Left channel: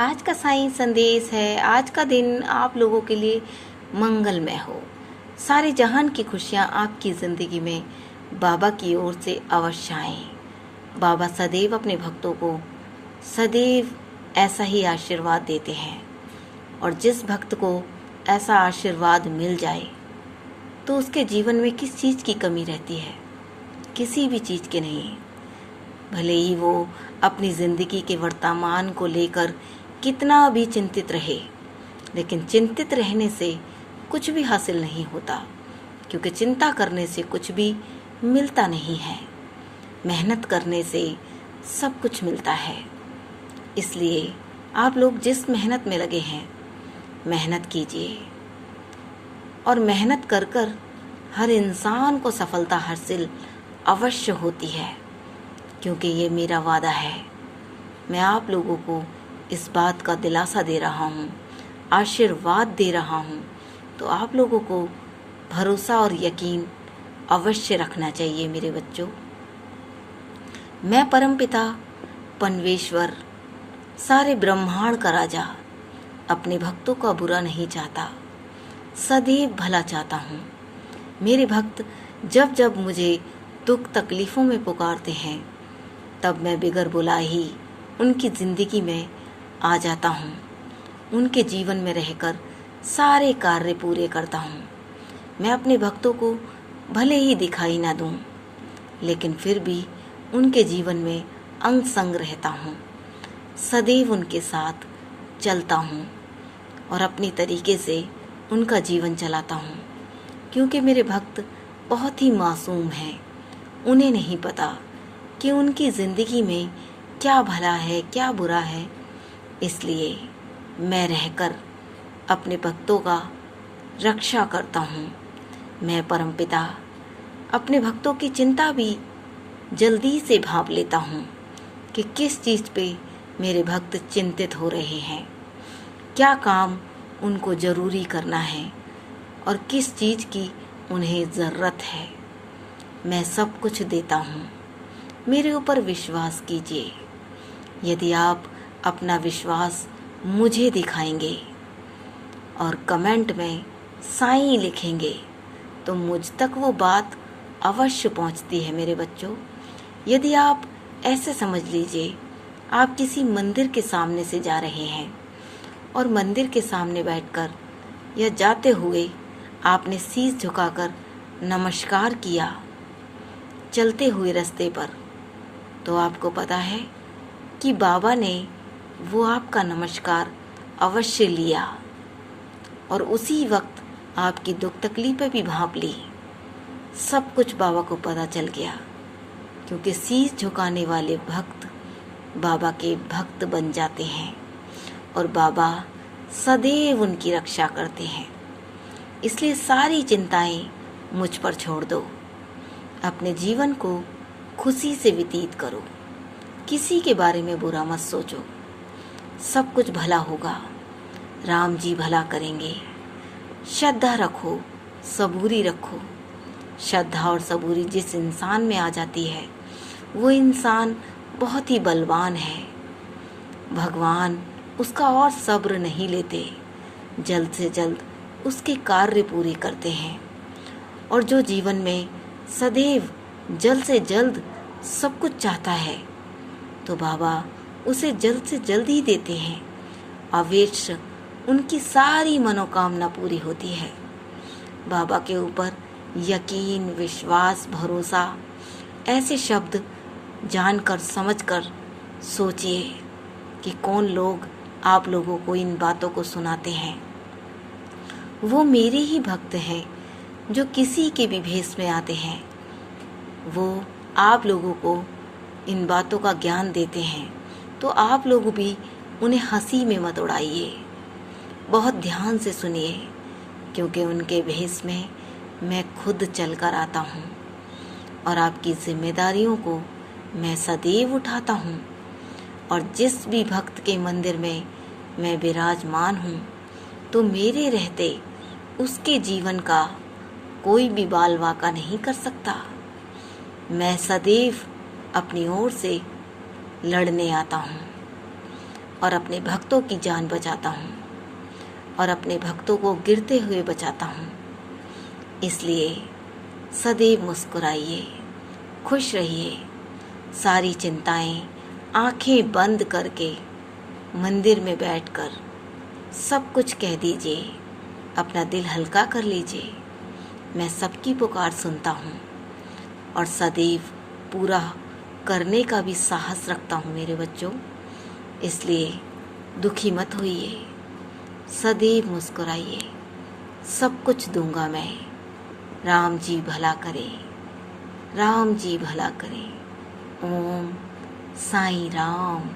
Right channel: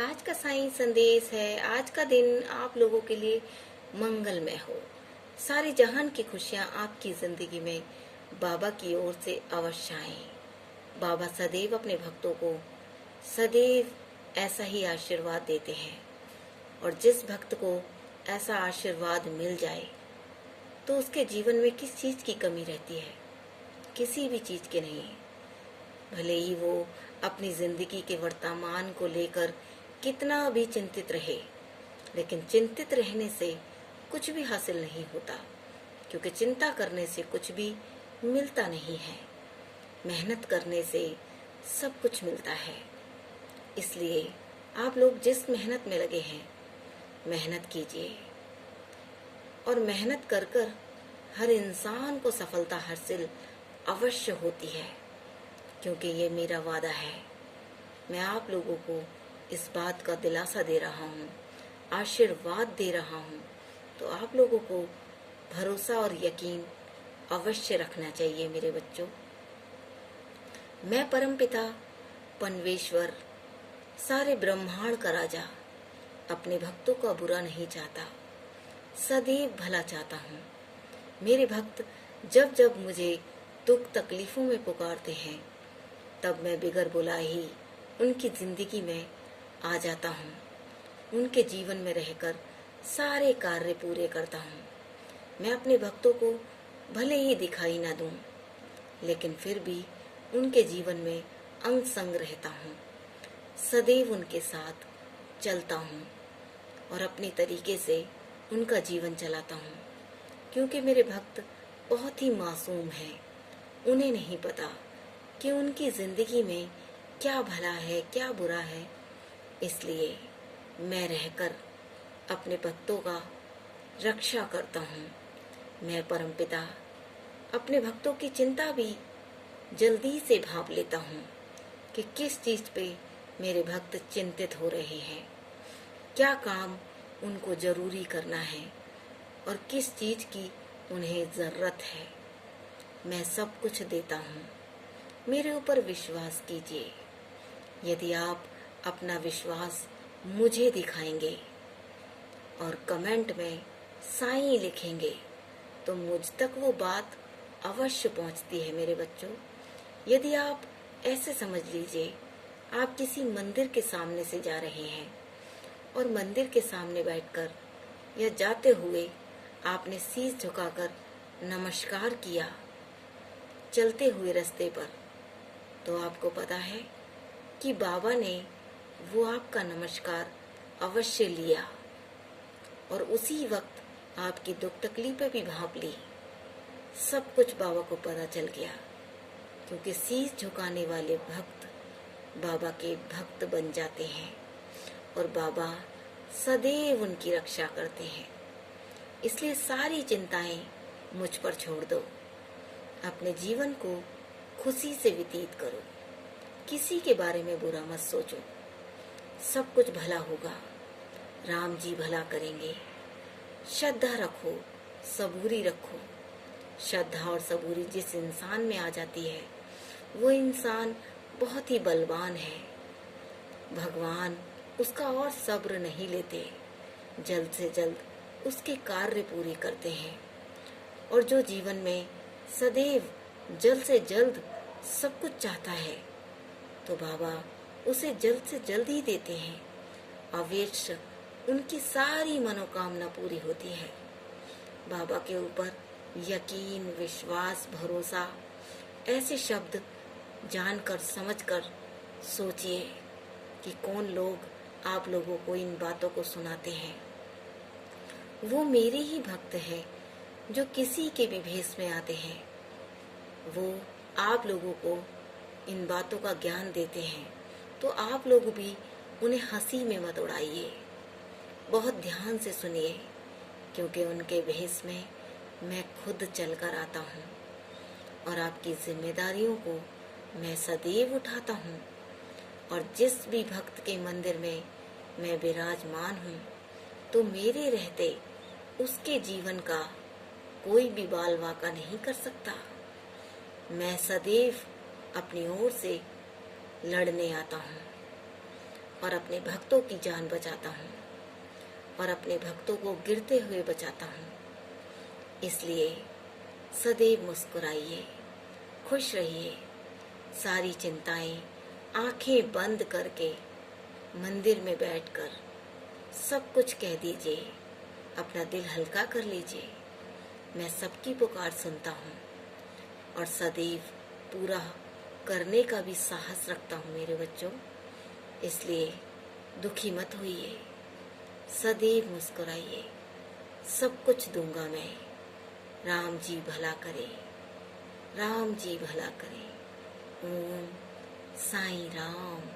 आज का साईं संदेश है। आज का दिन आप लोगों के लिए मंगलमय हो। सारे जहान की खुशियाँ आपकी ज़िंदगी में बाबा की ओर से अवश्य आएं। बाबा सदैव अपने भक्तों को सदैव ऐसा ही आशीर्वाद देते हैं, और जिस भक्त को ऐसा आशीर्वाद मिल जाए तो उसके जीवन में किस चीज़ की कमी रहती है? किसी भी चीज़ की नहीं। भले ही वो अपनी ज़िंदगी के वर्तमान को लेकर कितना भी चिंतित रहे, लेकिन चिंतित रहने से कुछ भी हासिल नहीं होता, क्योंकि चिंता करने से कुछ भी मिलता नहीं है। मेहनत करने से सब कुछ मिलता है। इसलिए आप लोग जिस मेहनत में लगे हैं, मेहनत कीजिए, और मेहनत कर कर हर इंसान को सफलता हासिल अवश्य होती है, क्योंकि ये मेरा वादा है। मैं आप लोगों को इस बात का दिलासा दे रहा हूँ, आशीर्वाद दे रहा हूँ, तो आप लोगों को भरोसा और यकीन अवश्य रखना चाहिए मेरे बच्चों। मैं परमपिता परमेश्वर, सारे ब्रह्मांड का राजा, अपने भक्तों का बुरा नहीं चाहता, सदैव भला चाहता हूँ। मेरे भक्त जब जब मुझे दुख तकलीफ़ों में पुकारते हैं, तब मैं बिगर बुलाए ही उनकी ज़िंदगी में आ जाता हूँ। उनके जीवन में रहकर सारे कार्य पूरे करता हूँ। मैं अपने भक्तों को भले ही दिखाई ना दूँ, लेकिन फिर भी उनके जीवन में अंग संग रहता हूँ। सदैव उनके साथ चलता हूँ और अपनी तरीके से उनका जीवन चलाता हूँ, क्योंकि मेरे भक्त बहुत ही मासूम हैं। उन्हें नहीं पता कि उनकी ज़िंदगी में क्या भला है, क्या बुरा है। इसलिए मैं रहकर अपने भक्तों का रक्षा करता हूँ। मैं परमपिता अपने भक्तों की चिंता भी जल्दी से भांप लेता हूँ कि किस चीज़ पे मेरे भक्त चिंतित हो रहे हैं, क्या काम उनको ज़रूरी करना है और किस चीज़ की उन्हें ज़रूरत है। मैं सब कुछ देता हूँ। मेरे ऊपर विश्वास कीजिए। यदि आप अपना विश्वास मुझे दिखाएंगे और कमेंट में साईं लिखेंगे, तो मुझ तक वो बात अवश्य पहुंचती है मेरे बच्चों। यदि आप ऐसे समझ लीजिए, आप किसी मंदिर के सामने से जा रहे हैं और मंदिर के सामने बैठकर या जाते हुए आपने शीश झुकाकर नमस्कार किया चलते हुए रास्ते पर, तो आपको पता है कि बाबा ने वो आपका नमस्कार अवश्य लिया और उसी वक्त आपकी दुख तकलीफें भी भांप ली। सब कुछ बाबा को पता चल गया, क्योंकि शीश झुकाने वाले भक्त बाबा के भक्त बन जाते हैं और बाबा सदैव उनकी रक्षा करते हैं। इसलिए सारी चिंताएं मुझ पर छोड़ दो। अपने जीवन को खुशी से व्यतीत करो। किसी के बारे में बुरा मत सोचो। सब कुछ भला होगा। राम जी भला करेंगे। श्रद्धा रखो, सबूरी रखो। श्रद्धा और सबूरी जिस इंसान में आ जाती है, वो इंसान बहुत ही बलवान है। भगवान उसका और सब्र नहीं लेते, जल्द से जल्द उसके कार्य पूरे करते हैं। और जो जीवन में सदैव जल्द से जल्द सब कुछ चाहता है, तो बाबा उसे जल्द से जल्द ही देते हैं। अवश्य उनकी सारी मनोकामना पूरी होती है। बाबा के ऊपर यकीन, विश्वास, भरोसा, ऐसे शब्द जानकर समझकर सोचिए कि कौन लोग आप लोगों को इन बातों को सुनाते हैं। वो मेरे ही भक्त हैं जो किसी के भी भेष में आते हैं। वो आप लोगों को इन बातों का ज्ञान देते हैं, तो आप लोग भी उन्हें हंसी में मत उड़ाइए। बहुत ध्यान से सुनिए, क्योंकि उनके भेष में मैं खुद चल कर आता हूँ और आपकी जिम्मेदारियों को मैं सदैव उठाता हूँ। और जिस भी भक्त के मंदिर में मैं विराजमान हूँ, तो मेरे रहते उसके जीवन का कोई भी बाल वाका नहीं कर सकता। मैं सदैव अपनी ओर से लड़ने आता हूँ। और अपने भक्तों की जान बचाता हूँ और अपने भक्तों को गिरते हुए बचाता हूँ। इसलिए सदैव मुस्कुराइए, खुश रहिए। सारी चिंताएं आंखें बंद करके मंदिर में बैठकर सब कुछ कह दीजिए, अपना दिल हल्का कर लीजिए। मैं सबकी पुकार सुनता हूँ और सदैव पूरा करने का भी साहस रखता हूँ मेरे बच्चों। इसलिए दुखी मत होइए, सदैव मुस्कुराइए। सब कुछ दूंगा मैं। राम जी भला करें, राम जी भला करें। ओम साईं राम।